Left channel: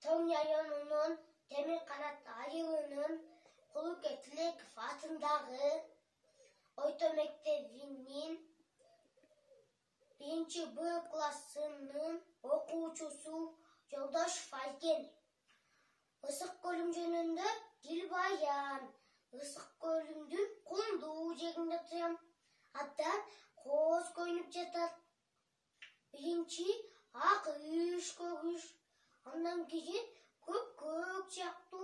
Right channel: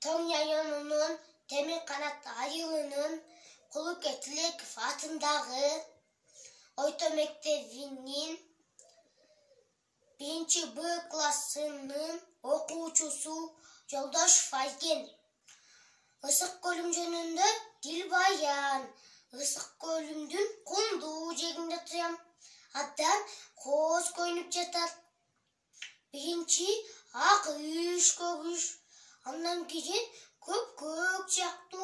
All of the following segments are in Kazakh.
Tonya'nın demir kanatlı ayılının Kuluke Tilekov atındağı Oyto Mektebi'nin 1. B klasının okuucusu Joldoş Faygen. Isık Gölüm jönündө dil bayan. Isık Gölümdün kunduğu jeginde tuyam. Adam koz koyunup jatar. 1. Ak üş kögüş. Andan keyin köp jaktı.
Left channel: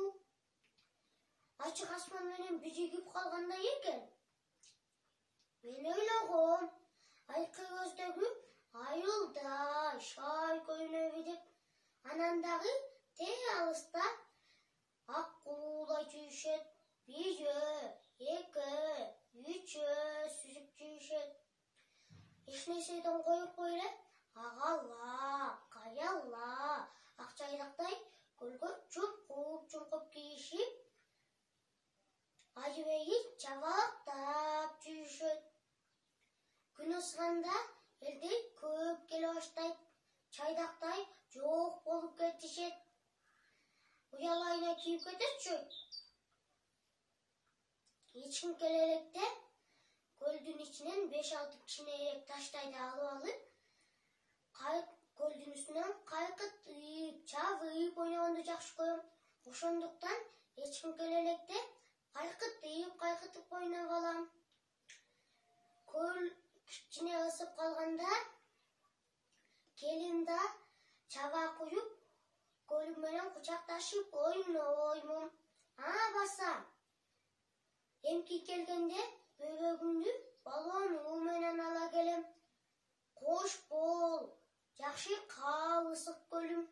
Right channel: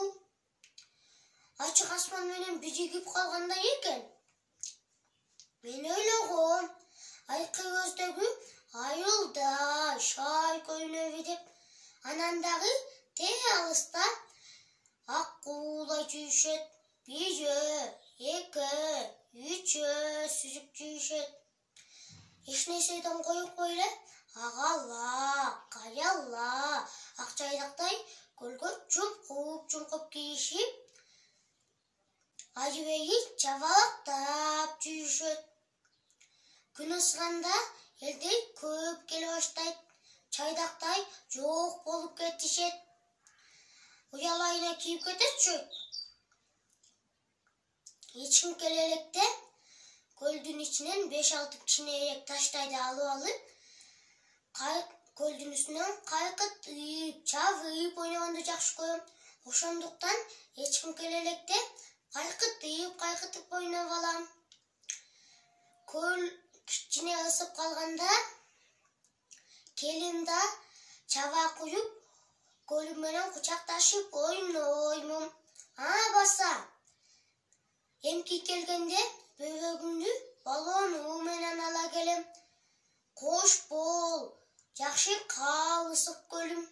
Açık asman menen bijigip kalganda eken. Men oylogom, aykı gözdөгү ayılda şay koyunup edip, anandağı te alыста ak kuğula jүйүшөt. 1, 2, 3 süzüp jүйүшөt. Эч нерседен коюп койла, агала, каяла, акчайдактай көлгө чумкуп кийишип, ажыбейи чабалактап жүйүшөт. Күн ысыганда элдер көп келе баштайт, чайдактай жок болуп кетишет. Уялайына кийип кететчү. Эч ким келе электе көлдүн ичинен 5-6 кичинерээк таштайды алып, көлдүн үстүнөн кайкытып, чабып ойногонду жакшы көрөм. Ошондуктан эч ким келе электе кайкытып ойноп алам. Көл кичине ысып калганда келин да чаба куюп, көлүм менен кучакташып ойноймун. Баса эмки келгенде бөбөгүмдү баллону менен ала келем. Кош бол, жакшы кал Ысык Көлүм.